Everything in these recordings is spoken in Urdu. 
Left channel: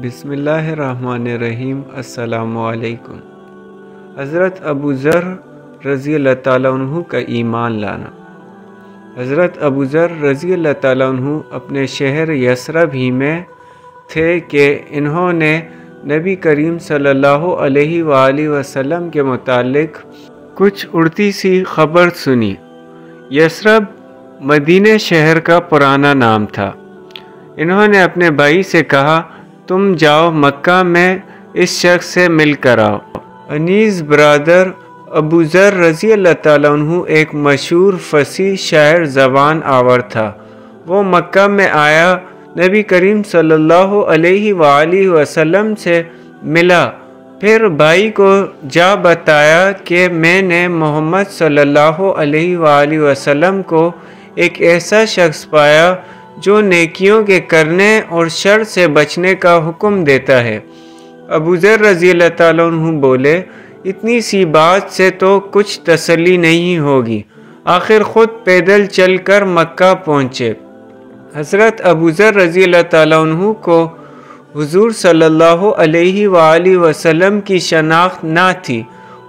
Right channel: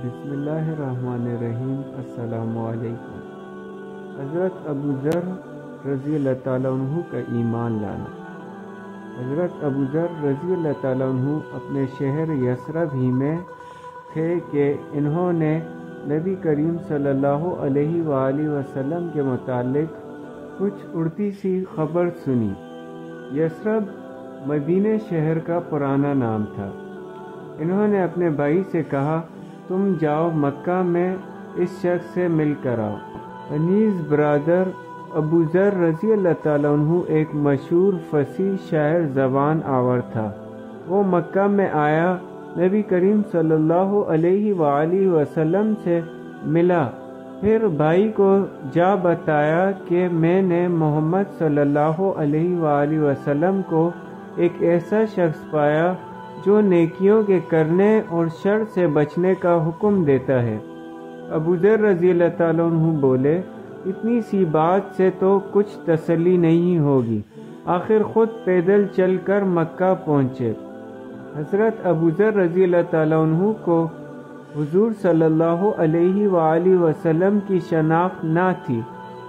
بسم اللہ الرحمن الرحیم۔ السلام علیکم۔ حضرت ابو ذر رضی اللہ تعالیٰ عنہ کا ایمان لانا۔ حضرت ابو ذر رضی اللہ تعالیٰ عنہ اپنے شہر یثرب ہی میں تھے کہ انہوں نے نبی کریم صلی اللہ علیہ وآلہ وسلم کے متعلق کچھ اڑتی سی خبر سنی۔ یثرب مدینہ شہر کا پرانا نام تھا۔ انہوں نے اپنے بھائی سے کہا، تم جاؤ مکہ میں اس شخص سے مل کر آؤ۔ انیس برادر ابو ذر رضی اللہ تعالیٰ عنہ ایک مشہور فصیح شاعر زبان آور تھا۔ وہ مکہ میں آیا، نبی کریم صلی اللہ علیہ وآلہ وسلم سے ملا، پھر بھائی کو جا بتایا کہ میں نے محمد صلی اللہ علیہ وآلہ وسلم کو ایک ایسا شخص پایا جو نیکیوں کے کرنے اور شر سے بچنے کا حکم دیتا ہے۔ ابو ذر رضی اللہ تعالیٰ عنہ بولے، اتنی سی بات سے تو کچھ تسلی نہیں ہوگی، آخر خود پیدل چل کر مکہ پہنچے۔ حضرت ابو ذر رضی اللہ تعالیٰ عنہ کو حضور صلی اللہ علیہ وآلہ وسلم کی شناخت نہ تھی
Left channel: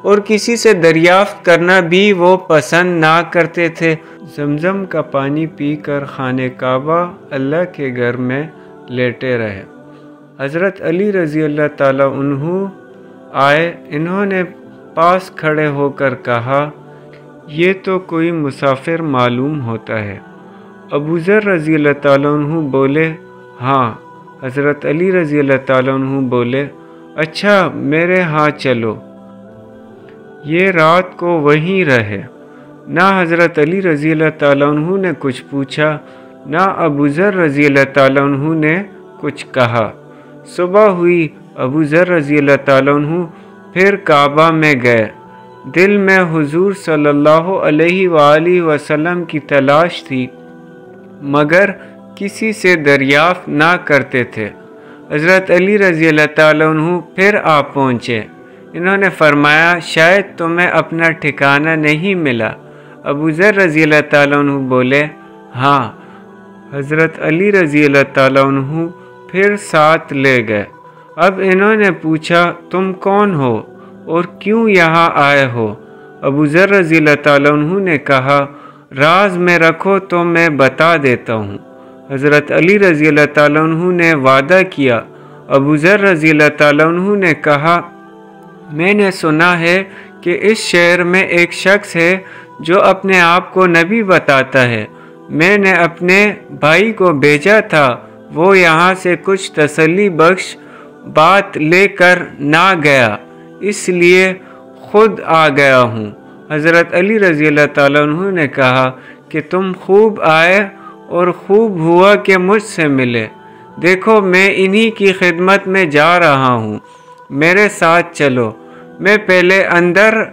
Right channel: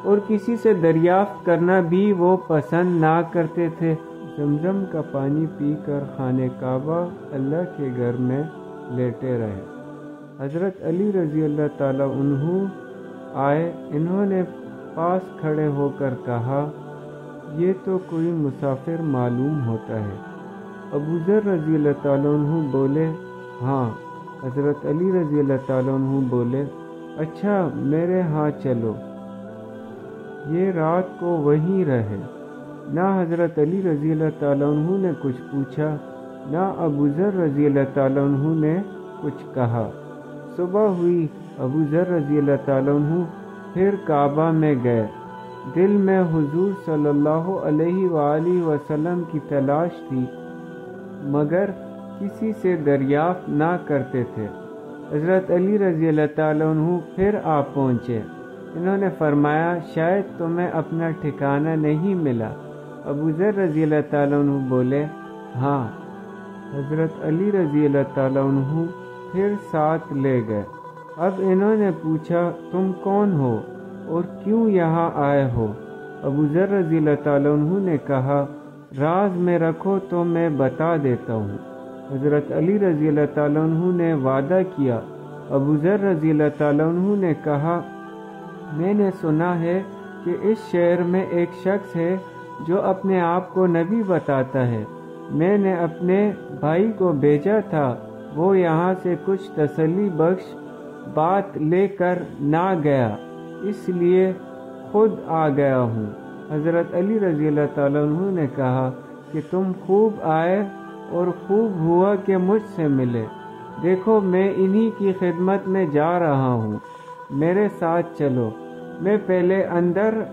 اور کسی سے دریافت کرنا بھی وہ پسند نہ کرتے تھے۔ زمزم کا پانی پی کر خانہ کعبہ اللہ کے گھر میں لیٹے رہے۔ حضرت علی رضی اللہ تعالیٰ عنہ آئے، انہوں نے پاس کھڑے ہو کر کہا، یہ تو کوئی مسافر معلوم ہوتا ہے۔ ابو ذر رضی اللہ تعالیٰ عنہ بولے، ہاں۔ حضرت علی رضی اللہ تعالیٰ عنہ بولے، اچھا میرے ہاں چلو، یہ رات کو وہیں رہے۔ نہ حضرت علی رضی اللہ تعالیٰ عنہ نے کچھ پوچھا، نہ ابو ذر رضی اللہ تعالیٰ عنہ نے کچھ کہا۔ صبح ہوئی، ابو ذر رضی اللہ تعالیٰ عنہ پھر کعبہ میں گئے۔ دل میں حضور صلی اللہ علیہ وآلہ وسلم کی تلاش تھی، مگر کسی سے دریافت نہ کرتے تھے۔ حضرت علی رضی اللہ تعالیٰ عنہ پھر آ پہنچے۔ انہوں نے فرمایا، شاید تمہیں اپنا ٹھکانہ نہیں ملا۔ ابو ذر رضی اللہ تعالیٰ عنہ بولے، ہاں۔ حضرت علی رضی اللہ تعالیٰ عنہ پھر ساتھ لے گئے۔ اب انہوں نے پوچھا، تم کون ہو اور کیوں یہاں آئے ہو؟ ابو ذر رضی اللہ تعالیٰ عنہ نے کہا، راز میں رکھو تو میں بتا دیتا ہوں۔ حضرت علی رضی اللہ تعالیٰ عنہ نے وعدہ کیا۔ ابو ذر رضی اللہ تعالیٰ عنہ نے کہا، میں نے سنا ہے کہ اس شہر میں ایک شخص ہے جو اپنے آپ کو نبی بتاتا ہے۔ میں نے اپنے بھائی کو بھیجا تھا، وہ یہاں سے کچھ تسلی بخش بات لے کر نہ گیا، اس لیے خود آ گیا ہوں۔ حضرت علی رضی اللہ تعالیٰ عنہ نے کہا کہ تم خوب آئے اور خوب ہوا کہ مجھ سے ملے۔ دیکھو میں انہی کی خدمت میں جا رہا ہوں، میرے ساتھ چلو۔ میں پہلے اندر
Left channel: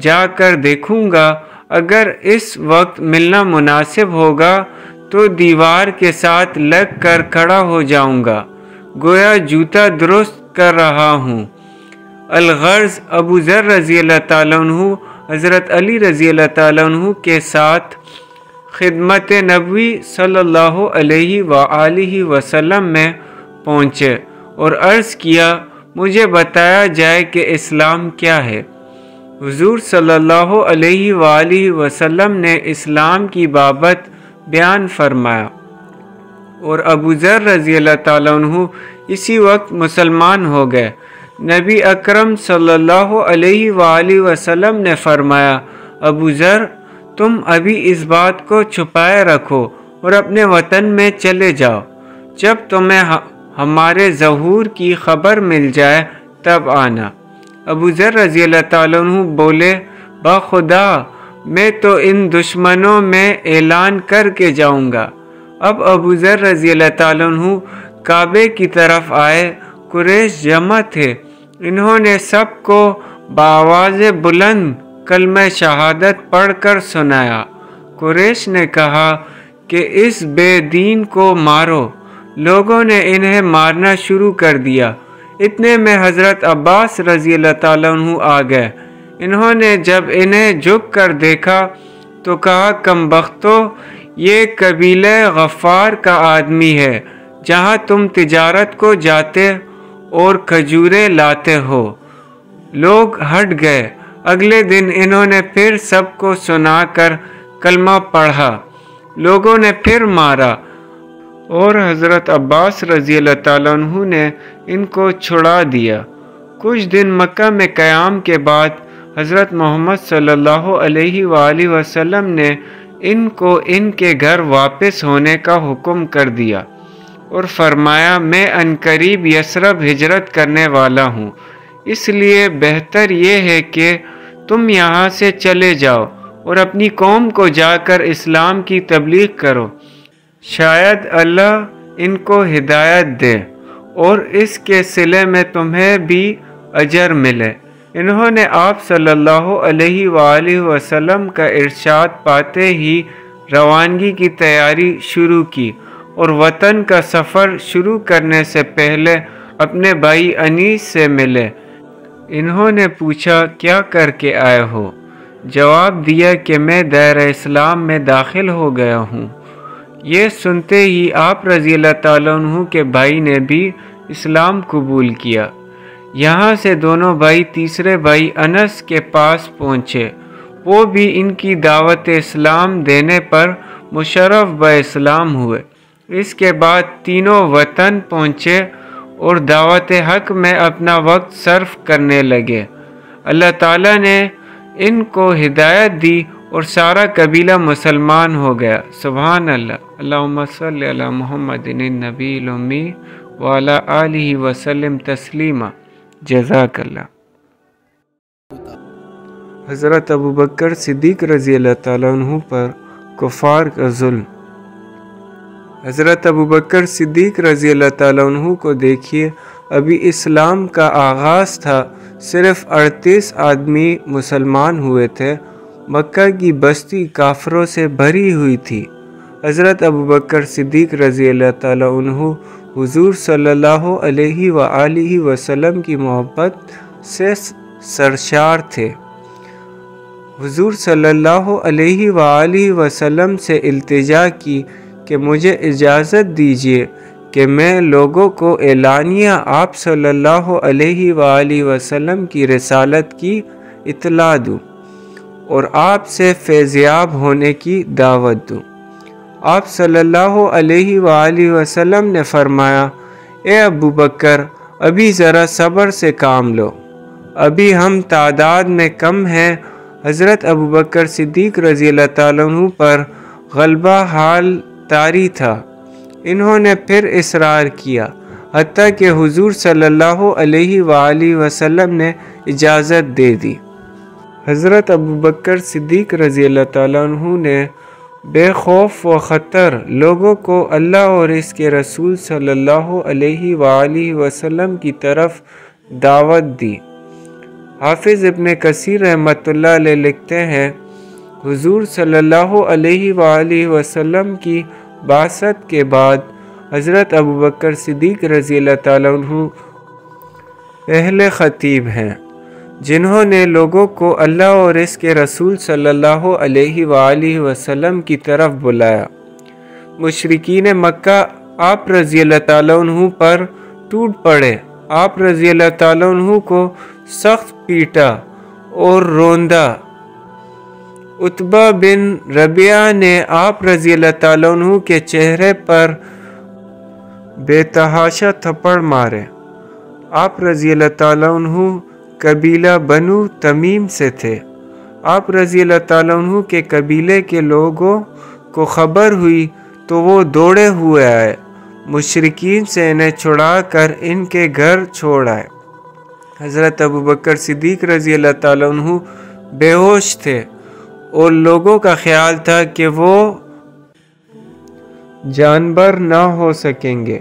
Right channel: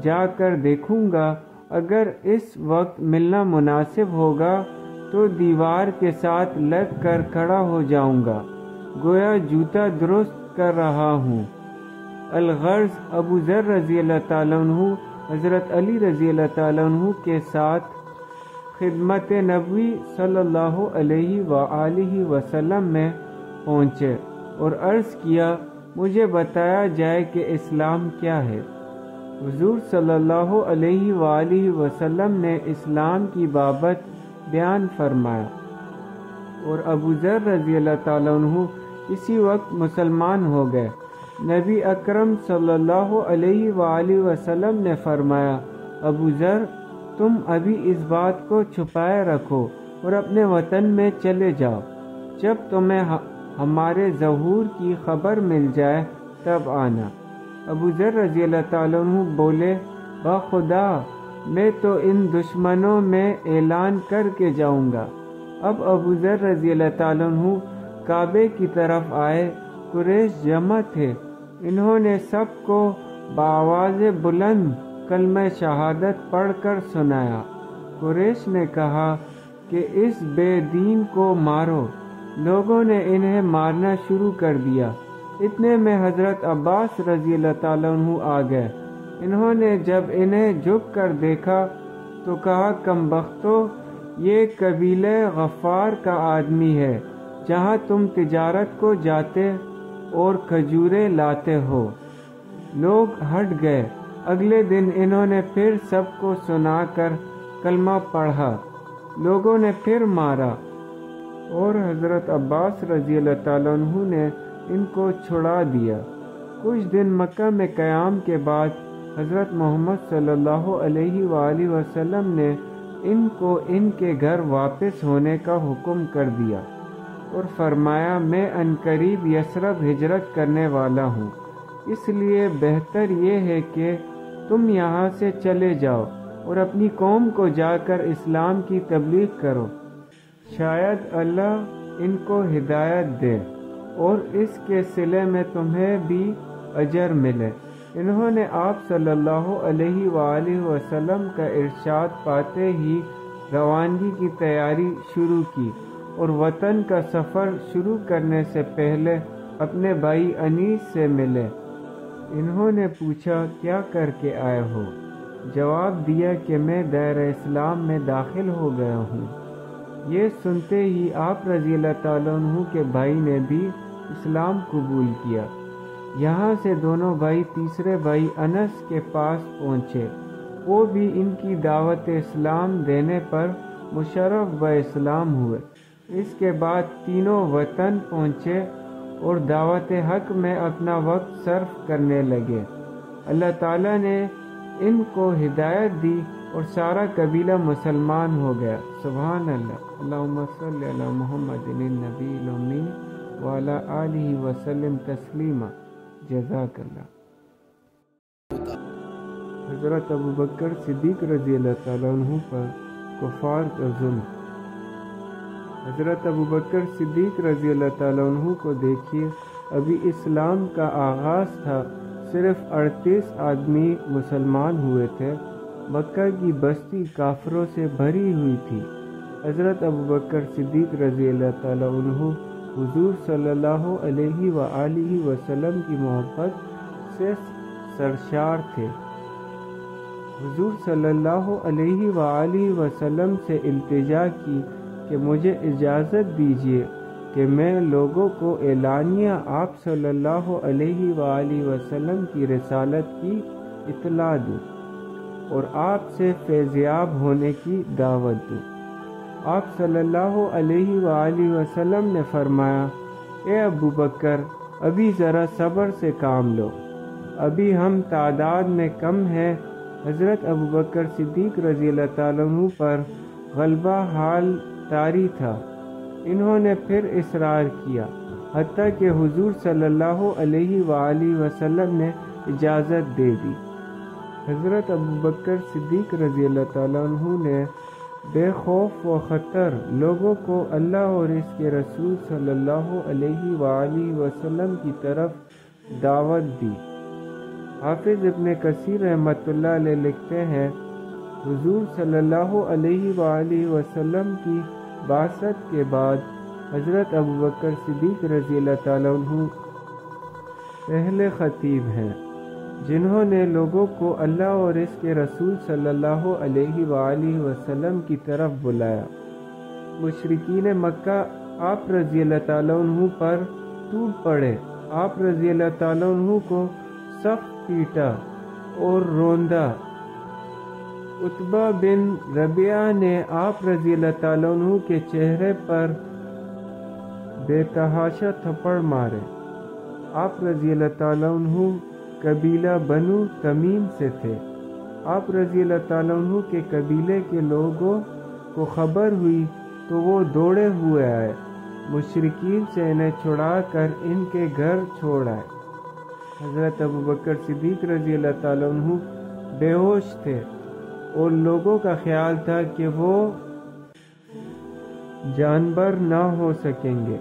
جا کر دیکھوں گا، اگر اس وقت ملنا مناسب ہوگا تو دیوار کے ساتھ لگ کر کھڑا ہو جاؤں گا، گویا جوتا درست کر رہا ہوں۔ الغرض ابو ذر رضی اللہ تعالیٰ عنہ حضرت علی رضی اللہ تعالیٰ عنہ کے ساتھ خدمت نبوی صلی اللہ علیہ وآلہ وسلم میں پہنچے اور عرض کیا، مجھے بتایا جائے کہ اسلام کیا ہے۔ حضور صلی اللہ علیہ وآلہ وسلم نے اسلام کی بابت بیان فرمایا اور ابو ذر رضی اللہ تعالیٰ عنہ اسی وقت مسلمان ہو گئے۔ نبی اکرم صلی اللہ علیہ وآلہ وسلم نے فرمایا، ابو ذر تم ابھی اس بات کو چھپائے رکھو اور اپنے وطن میں چلے جاؤ، جب تمہیں ہمارے ظہور کی خبر مل جائے تب آنا۔ ابو ذر رضی اللہ تعالیٰ عنہ بولے، باخدا میں تو ان دشمنوں میں اعلان کر کے جاؤں گا۔ اب ابو ذر رضی اللہ تعالیٰ عنہ کعبے کی طرف آئے۔ قریش جمع تھے، انہوں نے سب کو بآواز بلند کلمہ شہادت پڑھ کر سنایا۔ قریش نے کہا کہ اس بے دین کو مارو۔ لوگوں نے انہیں مارنا شروع کر دیا۔ اتنے میں حضرت عباس رضی اللہ تعالیٰ عنہ آ گئے۔ انہوں نے جب انہیں جھک کر دیکھا تو کہا، کم بختو، یہ قبیلہ غفار کا آدمی ہے، جہاں تم تجارت کو جاتے اور کھجوریں لاتے ہو۔ لوگ ہٹ گئے۔ اگلے دن انہوں نے پھر سب کو سنا کر کلمہ پڑھا۔ لوگوں نے پھر مارا اور حضرت عباس رضی اللہ تعالیٰ عنہ نے ان کو چھڑا دیا۔ کچھ دن مکہ میں قیام کے بعد حضرت محمد صلی اللہ علیہ وآلہ وسلم نے ان کو ان کے گھر واپس ہونے کا حکم کر دیا اور فرمایا میں عنقریب یثرب ہجرت کرنے والا ہوں، اس لیے بہتر یہ ہے کہ تم یہاں سے چلے جاؤ اور اپنی قوم کو جا کر اسلام کی تبلیغ کرو، شاید اللہ ان کو ہدایت دے اور اس کے صلے میں تمہیں بھی اجر ملے۔ انہوں نے آپ صلی اللہ علیہ وآلہ وسلم کا ارشاد پاتے ہی روانگی کی تیاری شروع کی اور وطن کا سفر شروع کرنے سے پہلے اپنے بھائی انیس سے ملے۔ انہوں نے پوچھا کیا کر کے آئے ہو؟ جواب دیا کہ میں دائرہ اسلام میں داخل ہو گیا ہوں۔ یہ سنتے ہی آپ رضی اللہ تعالیٰ عنہ کے بھائی نے بھی اسلام قبول کیا۔ یہاں سے دونوں بھائی تیسرے بھائی انس کے پاس پہنچے، وہ بھی ان کی دعوت اسلام دینے پر مشرف بہ اسلام ہوئے۔ اس کے بعد تینوں وطن پہنچے اور دعوت حق میں اپنا وقت صرف کرنے لگے۔ اللہ تعالیٰ نے ان کو ہدایت دی اور سارا قبیلہ مسلمان ہو گیا۔ سبحان اللہ۔ اللہم صلی علی محمد النبی الامی وعلی آلہ وسلم تسلیما۔ جزاک اللہ۔ حضرت ابوبکر صدیق رضی اللہ تعالیٰ عنہ پر کفار کا ظلم۔ حضرت ابوبکر صدیق رضی اللہ تعالیٰ عنہ کو دیکھیے، ابھی اسلام کا آغاز تھا، صرف 38 آدمی مسلمان ہوئے تھے، مکہ کی بستی کافروں سے بھری ہوئی تھی۔ حضرت ابوبکر صدیق رضی اللہ تعالیٰ عنہ حضور صلی اللہ علیہ وآلہ وسلم کی محبت سے سرشار تھے۔ حضور صلی اللہ علیہ وآلہ وسلم سے التجا کی کہ مجھے اجازت دیجیے کہ میں لوگوں کو اعلانیہ آپ صلی اللہ علیہ وآلہ وسلم کی رسالت کی اطلاع دوں اور آپ سے فیضیاب ہونے کی دعوت دوں۔ آپ صلی اللہ علیہ وآلہ وسلم نے فرمایا، اے ابو بکر، ابھی ذرا صبر سے کام لو، ابھی ہم تعداد میں کم ہیں۔ حضرت ابوبکر صدیق رضی اللہ تعالیٰ عنہ پر غلبہ حال طاری تھا۔ انہوں نے پھر اصرار کیا، حتیٰ کہ حضور صلی اللہ علیہ وآلہ وسلم نے اجازت دے دی۔ حضرت ابوبکر صدیق رضی اللہ تعالیٰ عنہ نے بے خوف و خطر لوگوں کو اللہ اور اس کے رسول صلی اللہ علیہ وآلہ وسلم کی طرف دعوت دی۔ حافظ ابن کثیر رحمۃ اللہ علیہ لکھتے ہیں، حضور صلی اللہ علیہ وآلہ وسلم کی بعثت کے بعد حضرت ابوبکر صدیق رضی اللہ تعالیٰ عنہ پہلے خطیب ہیں جنہوں نے لوگوں کو اللہ اور اس کے رسول صلی اللہ علیہ وآلہ وسلم کی طرف بلایا۔ مشرکین مکہ آپ رضی اللہ تعالیٰ عنہ پر ٹوٹ پڑے، آپ رضی اللہ تعالیٰ عنہ کو سخت پیٹا اور روندا۔ عتبہ بن ربیعہ نے آپ رضی اللہ تعالیٰ عنہ کے چہرے پر بے تحاشا تھپڑ مارے۔ آپ رضی اللہ تعالیٰ عنہ قبیلہ بنو تمیم سے تھے۔ آپ رضی اللہ تعالیٰ عنہ کے قبیلے کے لوگوں کو خبر ہوئی تو وہ دوڑے ہوئے آئے، مشرکین سے انہیں چھڑا کر ان کے گھر چھوڑ آئے۔ حضرت ابوبکر صدیق رضی اللہ تعالیٰ عنہ بے ہوش تھے اور لوگوں کا خیال تھا کہ وہ جانبر نہ ہو سکیں گے۔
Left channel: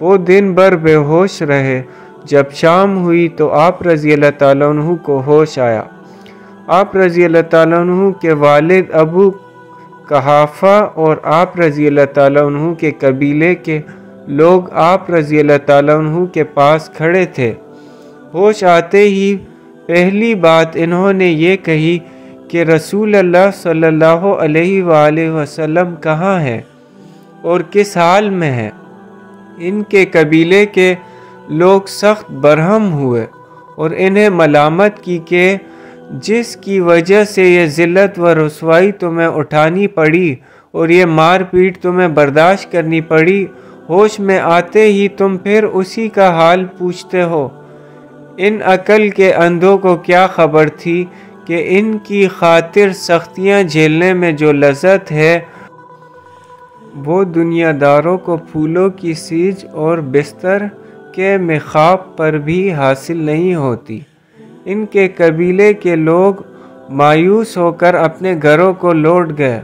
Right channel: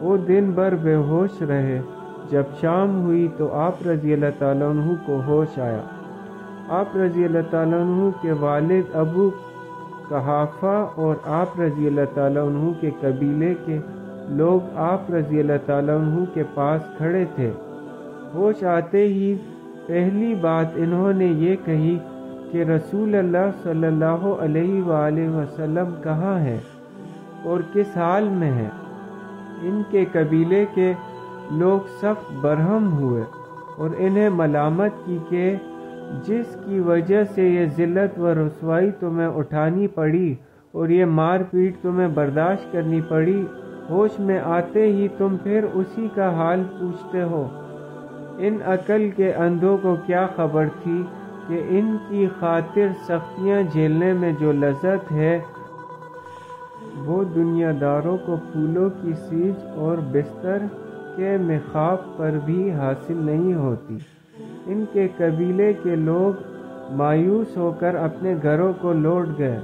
وہ دن بھر بے ہوش رہے۔ جب شام ہوئی تو آپ رضی اللہ تعالیٰ عنہ کو ہوش آیا۔ آپ رضی اللہ تعالیٰ عنہ کے والد ابو قحافہ اور آپ رضی اللہ تعالیٰ عنہ کے قبیلے کے لوگ آپ رضی اللہ تعالیٰ عنہ کے پاس کھڑے تھے۔ ہوش آتے ہی پہلی بات انہوں نے یہ کہی کہ رسول اللہ صلی اللہ علیہ وآلہ وسلم کہاں ہے اور کس حال میں ہے؟ ان کے قبیلے کے لوگ سخت برہم ہوئے اور انہیں ملامت کی کہ جس کی وجہ سے یہ ذلت و رسوائی تمہیں اٹھانی پڑی اور یہ مار پیٹ تمہیں برداشت کرنی پڑی، ہوش میں آتے ہی تم پھر اسی کا حال پوچھتے ہو۔ ان عقل کے اندھوں کو کیا خبر تھی کہ ان کی خاطر سختیاں جھیلنے میں جو لذت ہے وہ دنیا داروں کو پھولوں کی سیج اور بستر کے مخاط پر بھی حاصل نہیں ہوتی۔ ان کے قبیلے کے لوگ مایوس ہو کر اپنے گھروں کو لوٹ گئے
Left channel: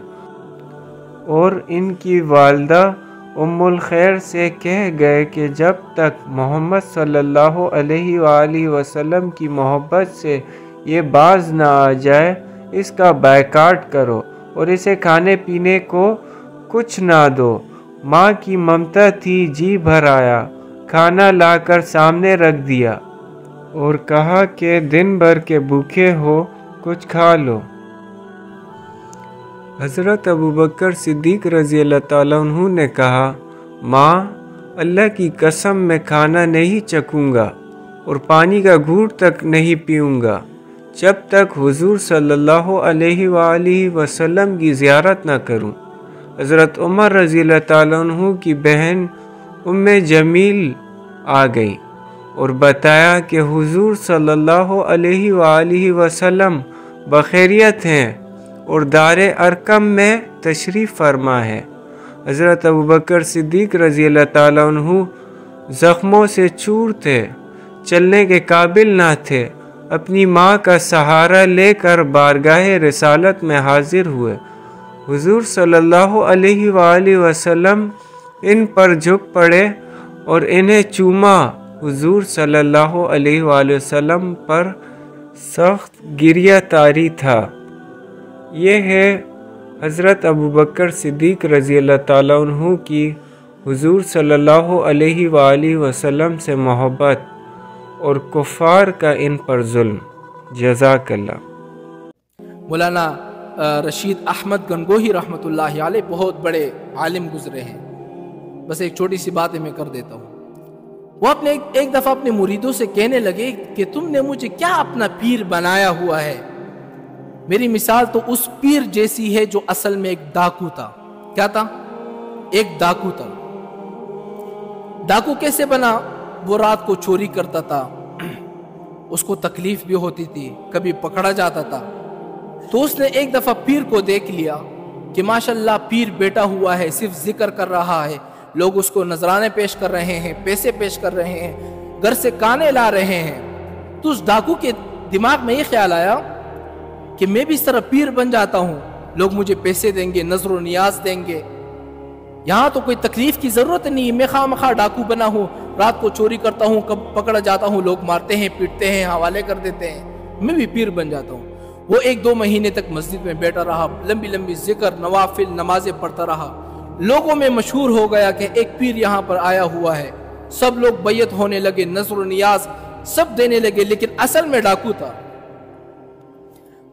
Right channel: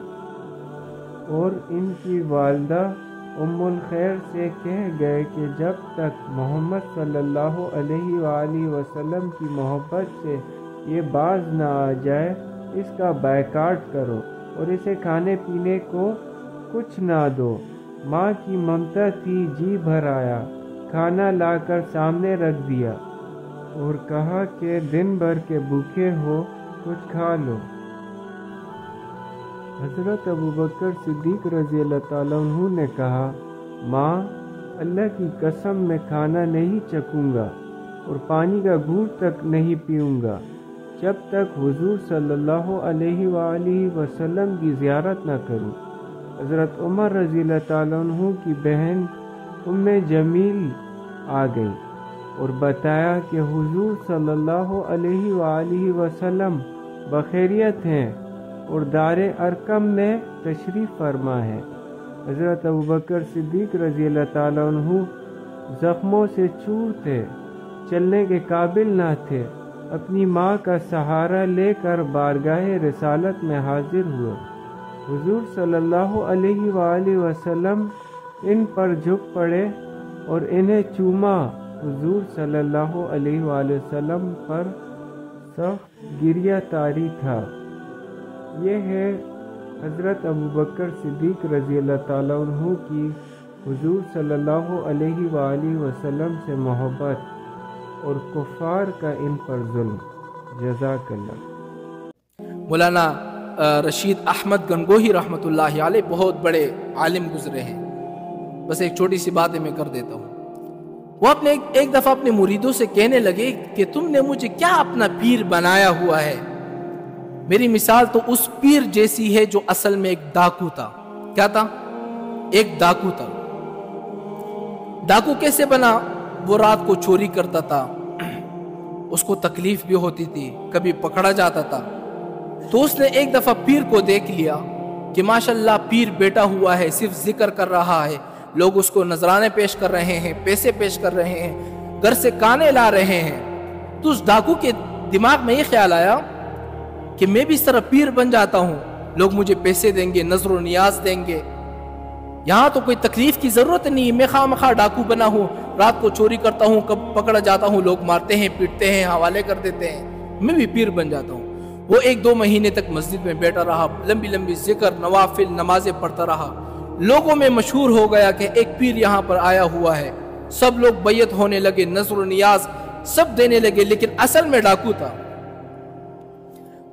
اور ان کی والدہ ام الخیر سے کہہ گئے کہ جب تک محمد صلی اللہ علیہ وآلہ وسلم کی محبت سے یہ باز نہ آ جائے اس کا بائیکاٹ کرو اور اسے کھانے پینے کو کچھ نہ دو۔ ماں کی ممتا تھی، جی بھر آیا، کھانا لا کر سامنے رکھ دیا اور کہا کہ دن بھر کے بھوکے ہو کچھ کھا لو۔ حضرت ابوبکر صدیق رضی اللہ تعالیٰ عنہ نے کہا، ماں، اللہ کی قسم میں کھانا نہیں چکوں گا اور پانی کا گھونٹ تک نہیں پیوں گا جب تک حضور صلی اللہ علیہ وآلہ وسلم کی زیارت نہ کروں۔ حضرت عمر رضی اللہ تعالیٰ عنہ کی بہن ام جمیل آ گئی اور بتایا کہ حضور صلی اللہ علیہ وآلہ وسلم بخیریت ہیں اور دار ارقم میں تشریف فرما ہے۔ حضرت ابوبکر صدیق رضی اللہ تعالیٰ عنہ زخموں سے چور تھے، چلنے کے قابل نہ تھے، اپنی ماں کا سہارا لے کر بارگاہ رسالت میں حاضر ہوئے۔ حضور صلی اللہ علیہ وآلہ وسلم ان پر جھک پڑے اور انہیں چوما۔ حضور صلی اللہ علیہ وآلہ وسلم پر سخت گریہ طاری تھا۔ یہ ہے حضرت ابوبکر صدیق رضی اللہ تعالیٰ عنہ کی حضور صلی اللہ علیہ وآلہ وسلم سے محبت اور کفار کا ان پر ظلم۔ جزاک اللہ۔ مولانا رشید احمد گنگوہی رحمۃ اللہ علیہ بہت بڑے عالم گزرے ہیں، بس ایک چھوٹی سی بات میں کر دیتا ہوں۔ وہ اپنے ایک دفعہ اپنے مریدوں سے کہنے لگے کہ تم نے مجھے کیا اپنا پیر بنایا ہوا ہے؟ میری مثال تو اس پیر جیسی ہے جو اصل میں ایک ڈاکو تھا۔ کیا تھا؟ ایک ڈاکو تھا۔ ڈاکو کیسے بنا؟ وہ رات کو چوری کرتا تھا، اس کو تکلیف بھی ہوتی تھی، کبھی پکڑا جاتا تھا۔ تو اس نے ایک دفعہ پیر کو دیکھ لیا کہ ماشاءاللہ پیر بیٹھا ہوا ہے، صرف ذکر کر رہا ہے، لوگ اس کو نذرانے پیش کر رہے ہیں، پیسے پیش کر رہے ہیں، گھر سے کانے لا رہے ہیں۔ تو اس ڈاکو کے دماغ میں یہ خیال آیا کہ میں بھی اس طرح پیر بن جاتا ہوں، لوگ مجھے پیسے دیں گے، نظر و نیاز دیں گے، یہاں تو کوئی تکلیف کی ضرورت نہیں، میں خواہ مخواہ ڈاکو بنا ہوں، رات کو چوری کرتا ہوں، کب پکڑا جاتا ہوں، لوگ مارتے ہیں، پیٹتے ہیں، حوالے کر دیتے ہیں، میں بھی پیر بن جاتا ہوں۔ وہ 1-2 مہینے تک مسجد میں بیٹھا رہا، لمبی لمبی ذکر، نوافل، نمازیں پڑھتا رہا۔ لوگوں میں مشہور ہو گیا کہ ایک پیر یہاں پر آیا ہوا ہے، سب لوگ بیعت ہونے لگے، نذر و نیاز سب دینے لگے، لیکن اصل میں ڈاکو تھا۔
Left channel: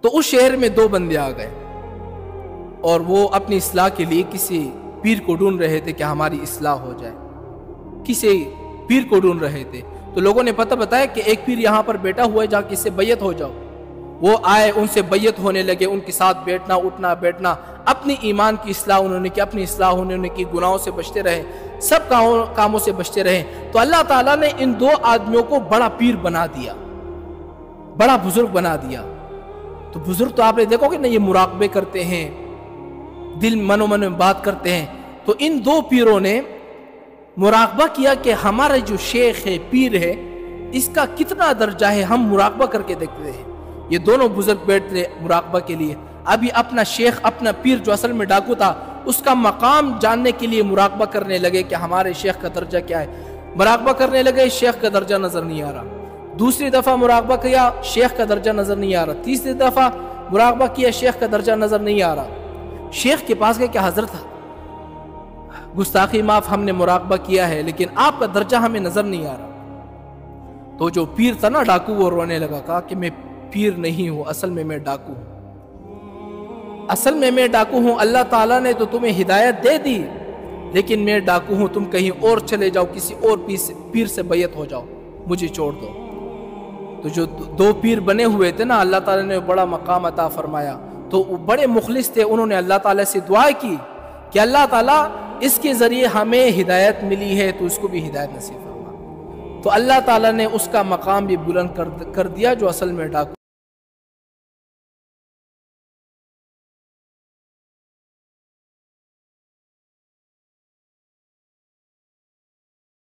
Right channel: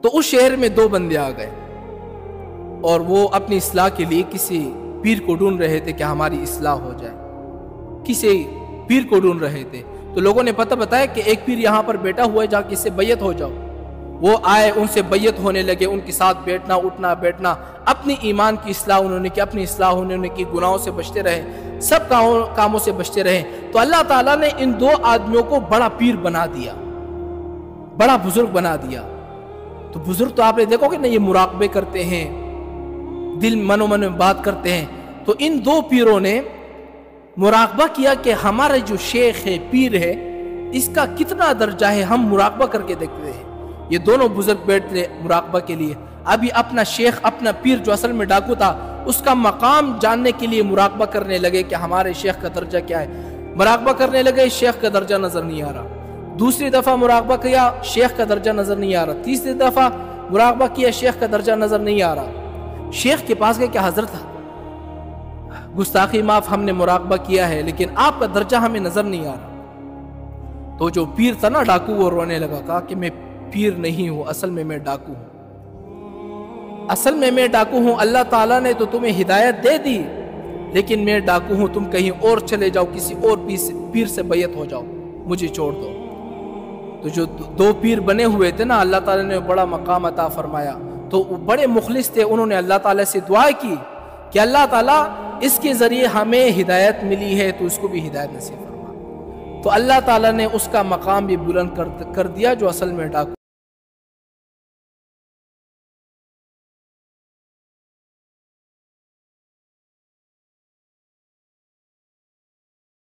تو اس شہر میں 2 بندے آ گئے اور وہ اپنی اصلاح کے لیے کسی پیر کو ڈھونڈ رہے تھے کہ ہماری اصلاح ہو جائے، کسی پیر کو ڈھونڈ رہے تھے۔ تو لوگوں نے پتہ بتایا کہ ایک پیر یہاں پر بیٹھا ہوا ہے، جا کے اس سے بیعت ہو جاؤ۔ وہ آئے، ان سے بیعت ہونے لگے، ان کے ساتھ بیٹھنا اٹھنا بیٹھنا، اپنی ایمان کی اصلاح انہوں نے کی، اپنی اصلاح انہوں نے کی، گناہوں سے بچتے رہے، سب کاموں سے بچتے رہے۔ تو اللہ تعالیٰ نے ان 2 آدمیوں کو بڑا پیر بنا دیا، بڑا بزرگ بنا دیا۔ تو بزرگ تو آپ نے دیکھو کہ نا، یہ مراقبے کرتے ہیں، دل من و من میں بات کرتے ہیں۔ تو ان 2 پیروں نے مراقبہ کیا کہ ہمارا جو شیخ ہے، پیر ہے، اس کا کتنا درجہ ہے، ہم مراقبہ کر کے دیکھتے ہیں۔ یہ دونوں بزرگ بیٹھتے مراقبہ کے لیے، ابھی اپنا شیخ، اپنا پیر جو اصل میں ڈاکو تھا، اس کا مقام جاننے کے لیے مراقبہ کرنے لگے کہ ہمارے شیخ کا درجہ کیا ہے۔ مراقبہ کرنے لگے، شیخ کا درجہ نظر نہیں آ رہا۔ دوسری دفعہ مراقبہ کیا، شیخ کا درجہ نظر نہیں آ رہا۔ تیسری دفعہ مراقبہ کیا، شیخ کا درجہ نظر نہیں آ رہا۔ شیخ کے پاس گئے کہ حضرت گستاخی معاف، ہم نے مراقبہ کیا ہے لیکن آپ کا درجہ ہمیں نظر نہیں آ رہا۔ تو جو پیر تھا نا ڈاکو، وہ رونے لگا، کہا کہ میں پیر نہیں ہوں، اصل میں میں ڈاکو ہوں، اصل میں میں ڈاکو ہوں۔ اللہ تعالیٰ نے تو تمہیں ہدایت دے دی، لیکن میں ڈاکو ہوں، تم کہیں اور چلے جاؤ، کسی اور پیر سے بیعت ہو جاؤ، مجھے چھوڑ دو۔ تو جو دو پیر بنے ہوئے تھے نا، اللہ تعالیٰ نے بڑا مقام عطا فرمایا، تو وہ بڑے مخلص تھے، انہوں نے اللہ تعالیٰ سے دعا کی کہ اللہ تعالیٰ اس کے ذریعے ہمیں ہدایت ملی ہے تو اس کو بھی ہدایت نصیب فرما۔ تو اللہ تعالیٰ نے اس کا مقام بھی بلند کر دیا جو اصل میں ڈاکو